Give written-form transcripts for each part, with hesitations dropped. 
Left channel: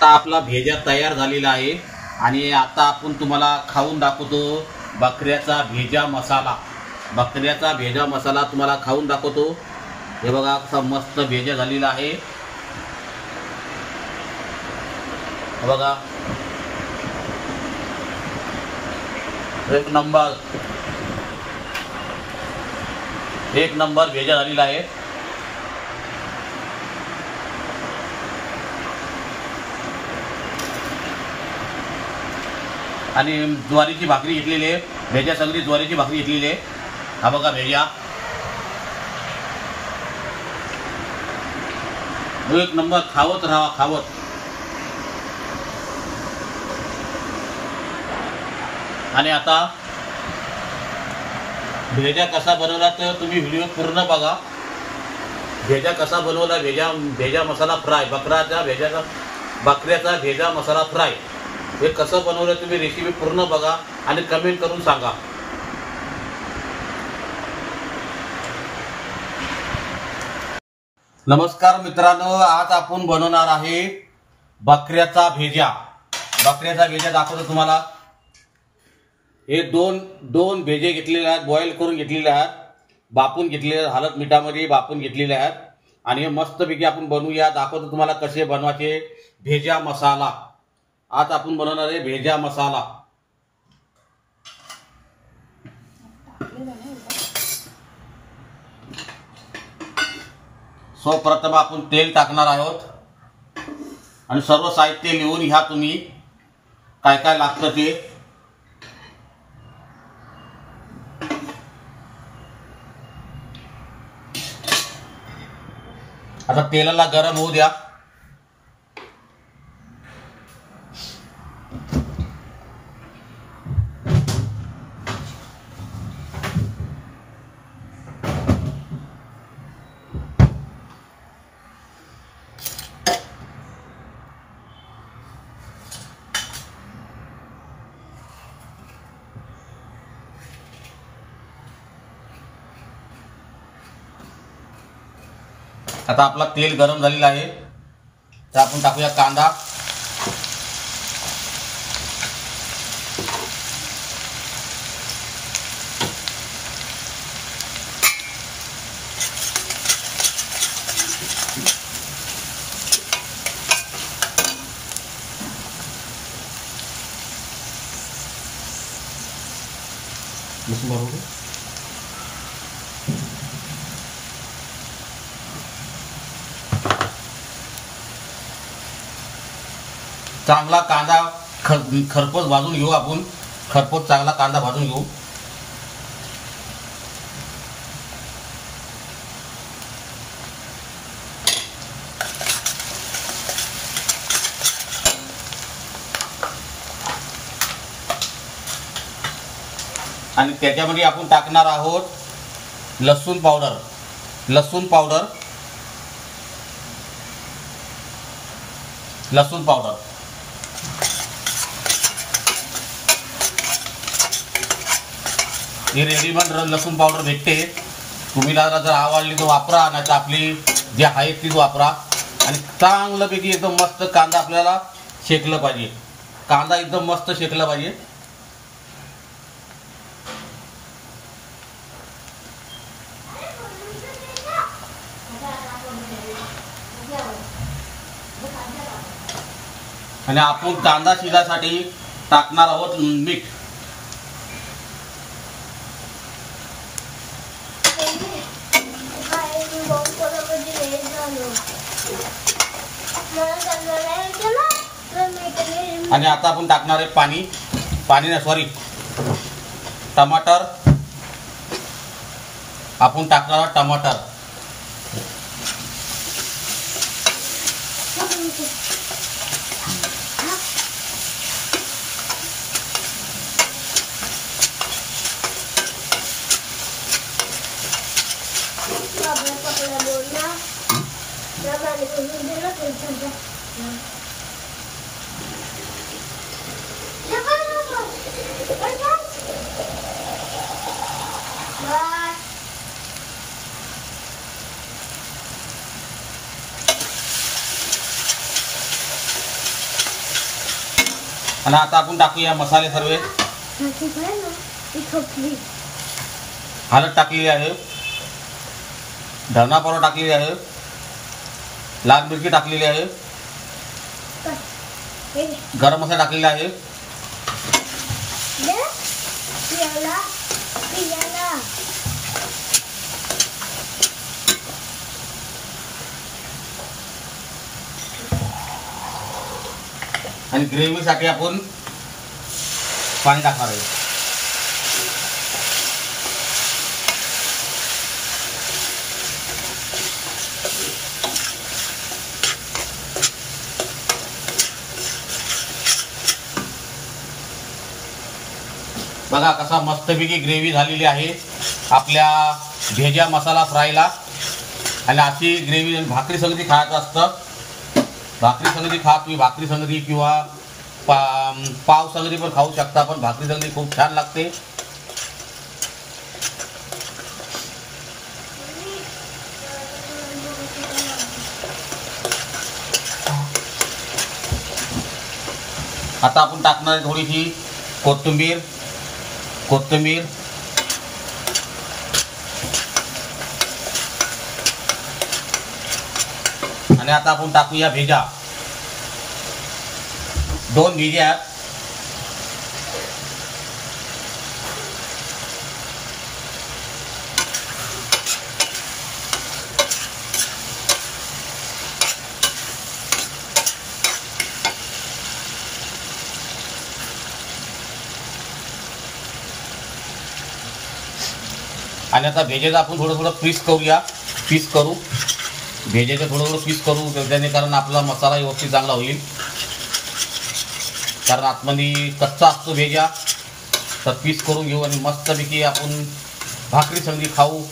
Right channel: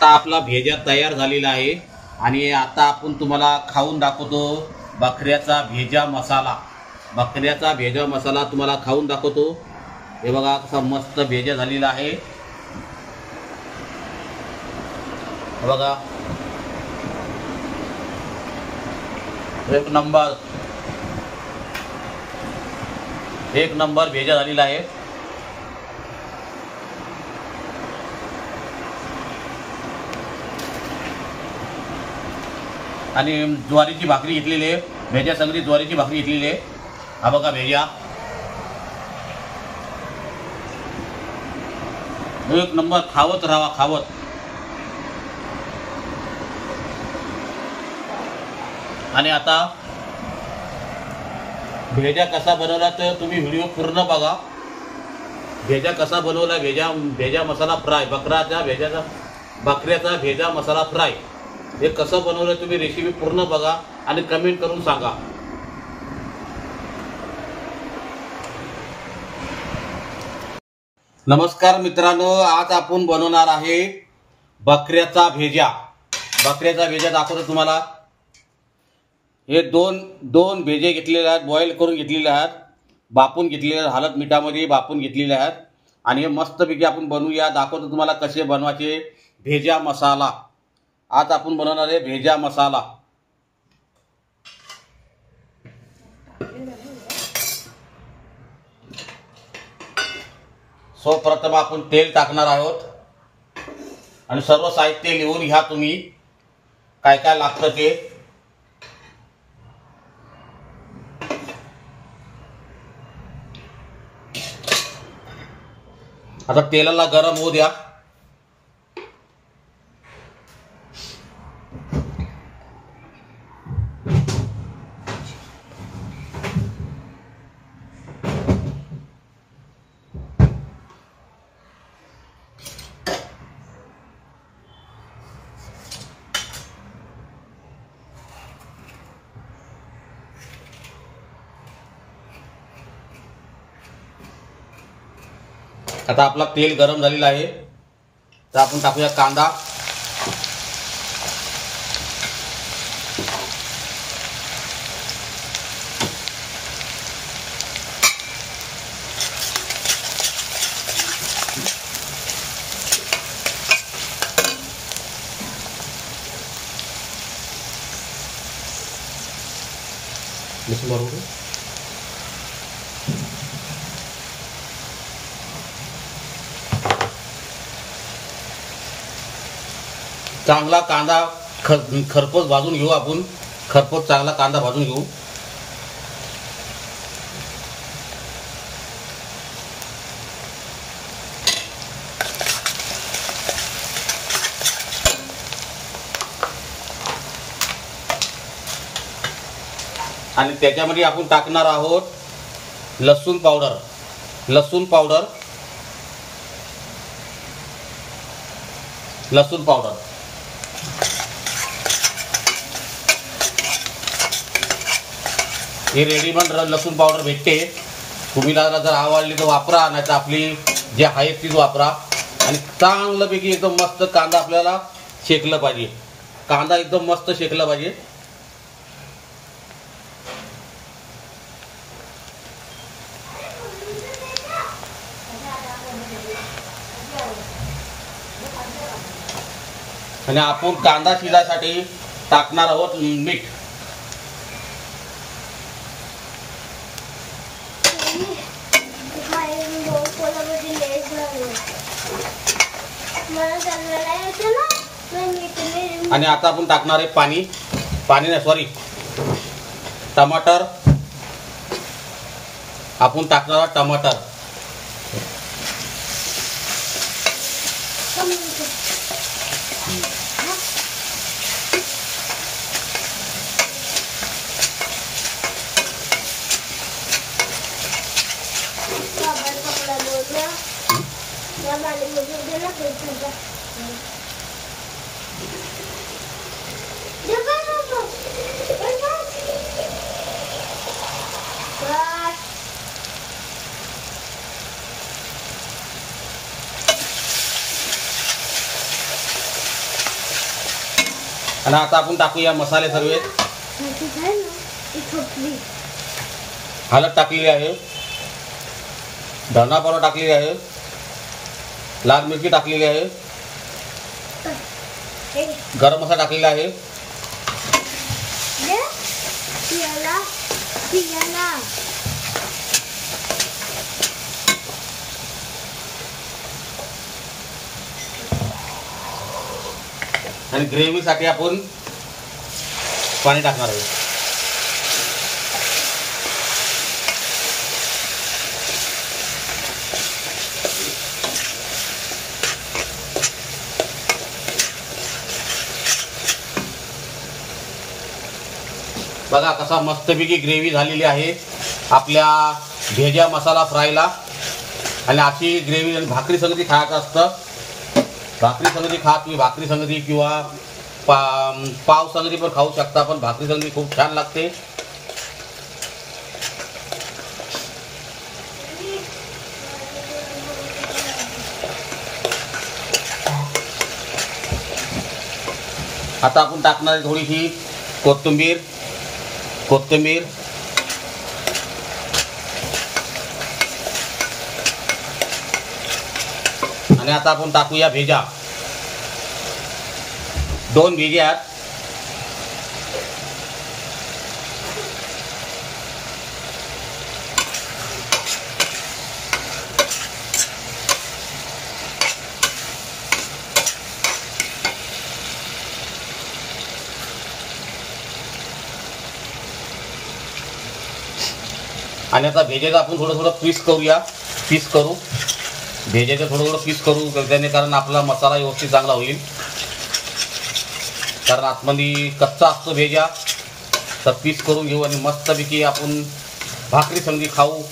आता आपला भेजा तयार झालेला आहे आणि आता आपण तुम्हाला खाऊन दाखवतो बकऱ्याचा भेजा मसाला। बकऱ्याचा भेजा मसाला तुम्हाला खाऊन दाखवतो। हे बघा कसा मस्त भेजा झालेला आहे। हे बघा एक नंबर भेजा झालेला आहे। आणि ज्वारीची भाकरी घेतलेली आहे। भेजा सगळी ज्वारीची भाकरी घेतलेली आहे। हा बघा भेजा एक नंबर, खावत राहा खावत। आणि आता भेजा कसा बनवला तर तुम्ही व्हिडिओ पूर्ण बघा। भेजा कसा बनवला, भेजा मसाला फ्राय, बकऱ्याचा भेजा मसाला फ्राय हे कसं बनवलं तुम्ही रेसिपी पूर्ण बघा आणि कमेंट करून सांगा। नमस्कार मित्रांनो, आज आपण बनवणार आहे बकऱ्याचा भेजा। बकऱ्याचा भेजा दाखवतो तुम्हाला। हे दोन भेजे घेतलेले आहेत, बॉईल करून घेतलेले आहेत, बापून घेतलेले आहेत, हळद मिठामध्ये बापून घेतलेले आहेत। आणि हे मस्तपैकी आपण बनवूया, दाखवतो तुम्हाला कसे बनवायचे भेजा मसाला। आज आपण बनवणार आहे भेजा मसाला। सर्वप्रथम आपण तेल टाकणार आहोत आणि सर्व साहित्य लिहून घ्या तुम्ही काय काय लागतं ते। आता तेलाला गरम होऊ द्या। आता आपला तेल गरम झालेला आहे, तर आपण टाकूया कांदा। चांगला कांदा खरपूस भाजून घेऊ आपण। खरपूस चांगला कांदा भाजून घेऊ। आणि त्याच्यामध्ये आपण टाकणार आहोत लसूण पावडर। लसूण पावडर हे रेडीमेड लसूण पावडर भेटते। तुम्ही जर आवडली तर वापरा, नाही तर आपली जे आहे तीच वापरा। आणि चांगल्यापैकी एकदम मस्त कांदा आपल्याला शेकलं पाहिजे। कांदा एकदम मस्त शेकला पाहिजे। आणि आपण कांदा शिजासाठी टाकणार आहोत मीठ। आणि आता आपण टाकणार आहे पाणी नाही सॉरी टमाटर। आपण टाकणार आहोत टमाटर। आणि आता आपण टाकूया मसाले सर्व. हळद टाकलेली आहे, धना पावडर टाकलेली आहे, लाल मिरची टाकलेली आहे, गरम मसाला टाकलेला आहे, आणि ग्रेव्हीसाठी आपण पाणी टाकणार आहे. बघा कसा मस्तपैकी ग्रेव्ही झालेली आहे आपल्या भेजा मसाला फ्रायला. आणि अशी ग्रेव्ही भाकरी संगती खायचं असतं. भाकरी संगती खा, तुम्ही भाकरी संगती किंवा पाव संगती पण खाऊ शकता, पण भाकरी संगती खूप छान लागते. आता आपण टाकणार थोडीशी कोथिंबीर. आणि आता आपण टाकूया भेजा. 2 भेजा आहेत. आणि आता भेजेचं आपण थोडं पीस करू. भेजेचं थोडं पीस करू त्याने, कारण आपला मसाला व्यवस्थित चांगला होईल. कारण आतमध्ये कच्चा असतो भेजा. तर पीस करून घेऊ आणि मस्तपैकी आपण भाकरी संगती खाऊ.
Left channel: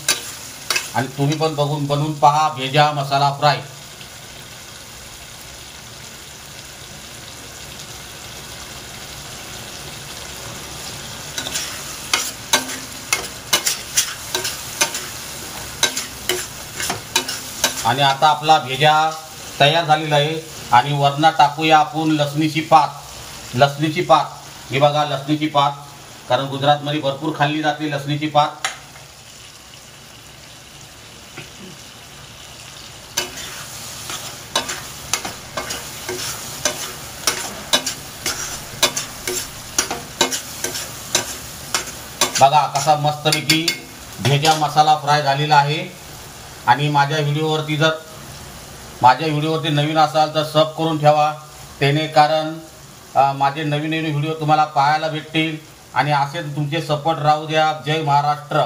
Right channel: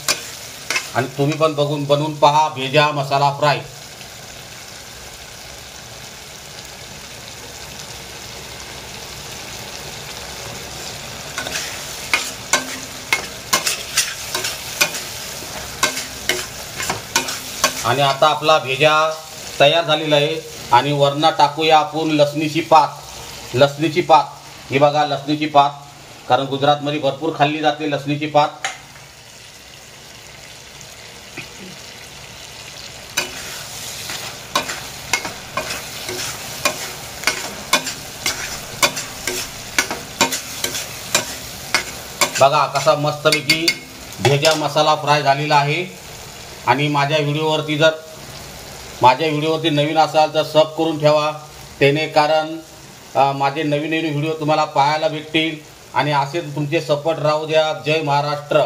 आणि तुम्ही पण बनवून पहा भेजा मसाला फ्राय. आणि आता आपला भेजा तयार झालेला आहे. आणि वरनं टाकूया आपण लसणीची पात. हे बघा लसणीची पात, कारण गुजरातमध्ये भरपूर खाल्ली जाते लसणीची पात. बघा कसा मस्तपैकी भेजा मसाला फ्राय झालेला आहे. आणि माझ्या व्हिडिओवरती नवीन असाल तर सब करून ठेवा, त्याने कारण माझे नवीन व्हिडिओ तुम्हाला पाहायला भेटतील. आणि असेच तुमचे सपोर्ट राहू द्या. जय महाराष्ट्र.